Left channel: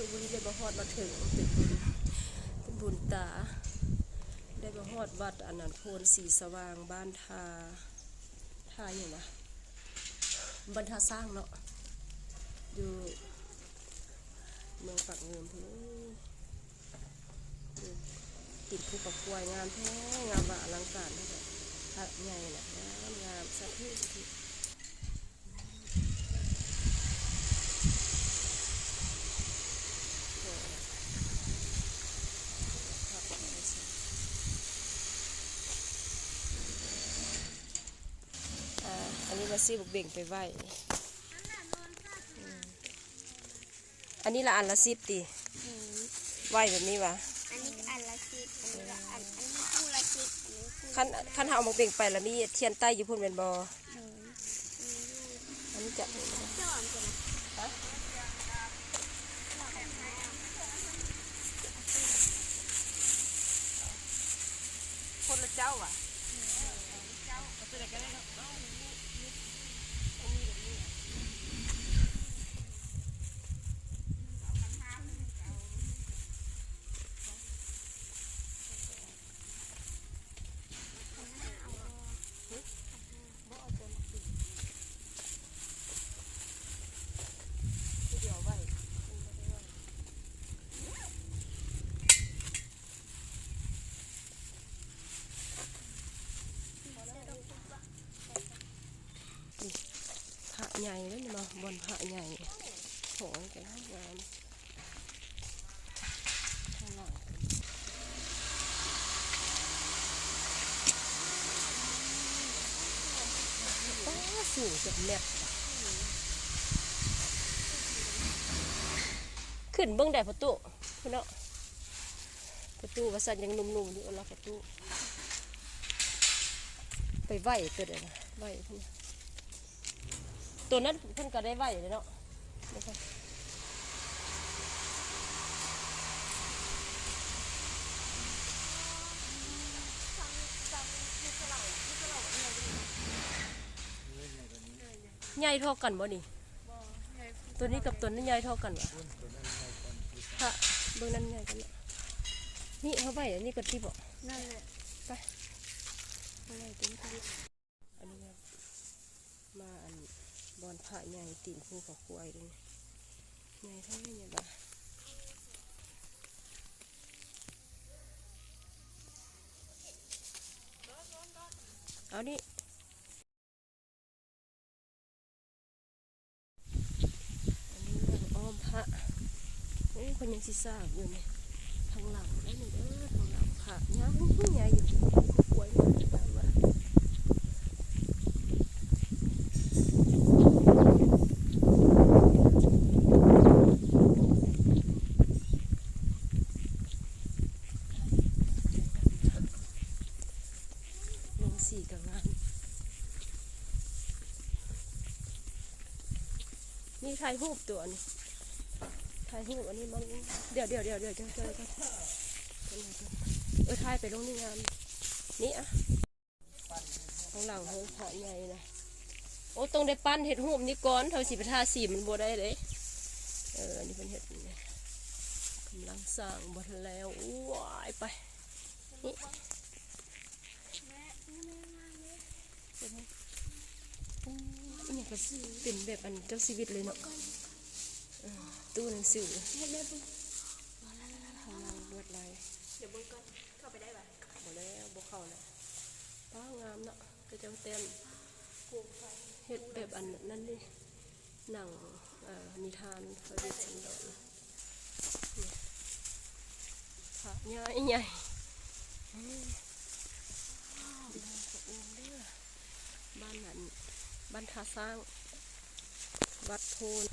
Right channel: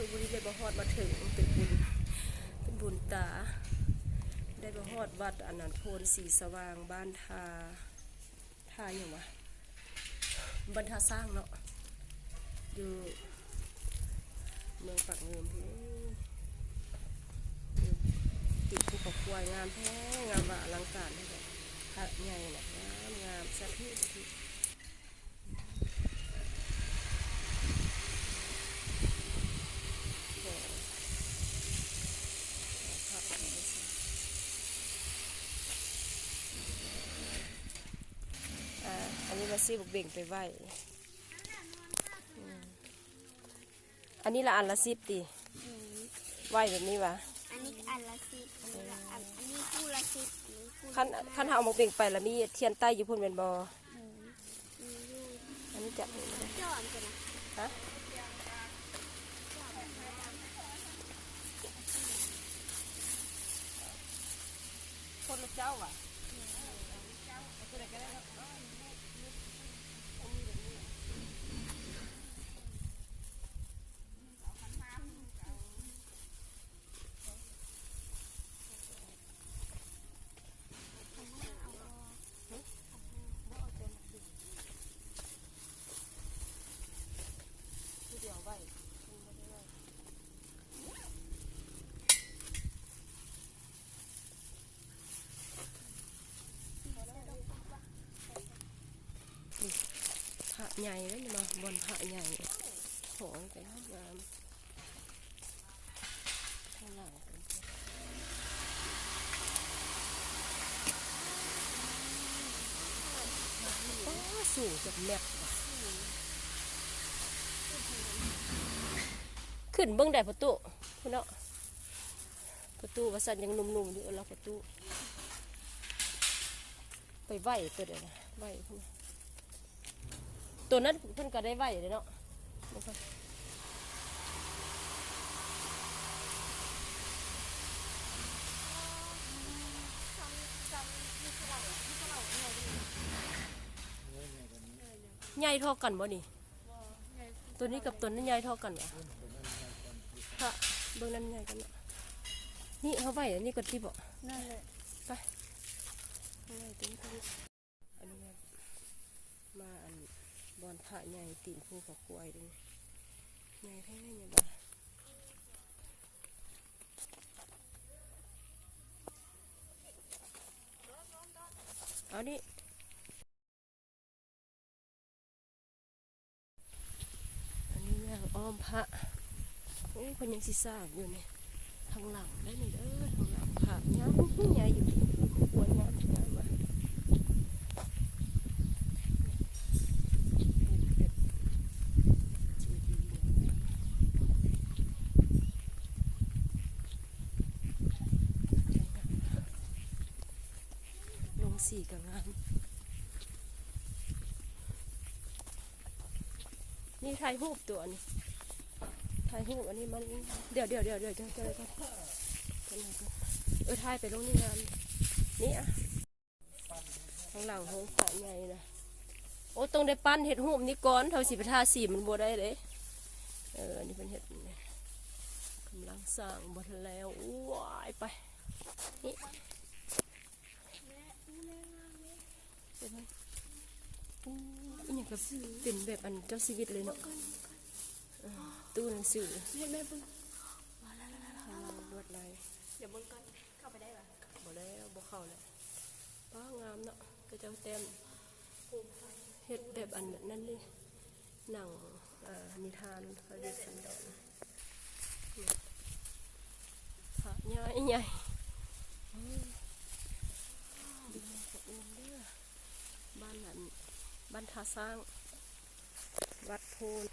คือบุญได้บ่ฮอดมาถึงเป็นบุญตาได้บ่ฮอดวัดอันนั้นโพนสีสว่างบ้านท่าอย่างวะบรรทาสร้างเนาะอยู่เมืองปากเงิมพี่ติดภูเขาควายงามแท้งามว่าอลังการเลยแบบพระใหญ่นะงามสะทุอันนี้มาซื้อบุกเบ่งไปไหวอันนี้ละอันละ10ตีไหวแบบนี้วะขั้นเอาบุกเบ่งไปแล้วมีเทียนใต้อยู่พุ่นเป็นบออันนี้จับคนละเจ้าอ่ะพระใหญ่เลยมาบนพระใหญ่โหยกันงามข้างหลังสูงจากแมทขึ้นเบื้องใดประตูคุณเนาะประตูวัสันยังนุ่มๆอยู่แล้วประตูไปไหวตัวเดียวนะไหวตัวนั้นเพิ่นก็ได้ไหวเลยเนาะใหญ่เท่ากันบ่นี่ตัวนี้กับตัวนั้นใหญ่เท่ากันวะพระเบื้องนั้นใหญ่กันเนาะนี่เขาไหวอันนี้ก็ที่บอกไปอะไรตัวนี้อันนี้มาอันบอลพระใหญ่ตีนภูเขาควายด้วยใหญ่แท้เนี่ยบ้าเอาดิอันนี้เรียกอ้อมพระโอ้คนยังซีซ่าอยู่นี่ข้างหลังได้หนึ่งข้างหลังพระใหญ่ใหญ่อยู่ภูควายหมดไปวะสีกับงานนี่ถ่ายรูปตัวนี้ถ่ายรูปอันนี้มันเดี๋ยวถ่ายไปลงนี่งานนี่อ่ะข้างหลังห้องพระใหญ่นะโอ้ต้องได้ปั้นเห็ดหูมนี่ก้อนเท่าสีประทาสีมันบัวได้เลยอันนี้เป็นเห็ดกำลังสร้างบัวแล้วว้ายไปนี่นี่ก็เป็นแบบอันเจ้าชีวิตเลยเนาะตู้หนังสือทำไมลวดลายเดี๋ยวต้องเข้าไปได้ป่ะบ่แล้วบ่เข้าเลยป้างามเนาะก็จะเต็มเห็ดแบบอันนั้นนี่หนังนิทานพระเวชสันดรพระใหญ่บ้านนั้นบ้านท่าสร้างวัดโพน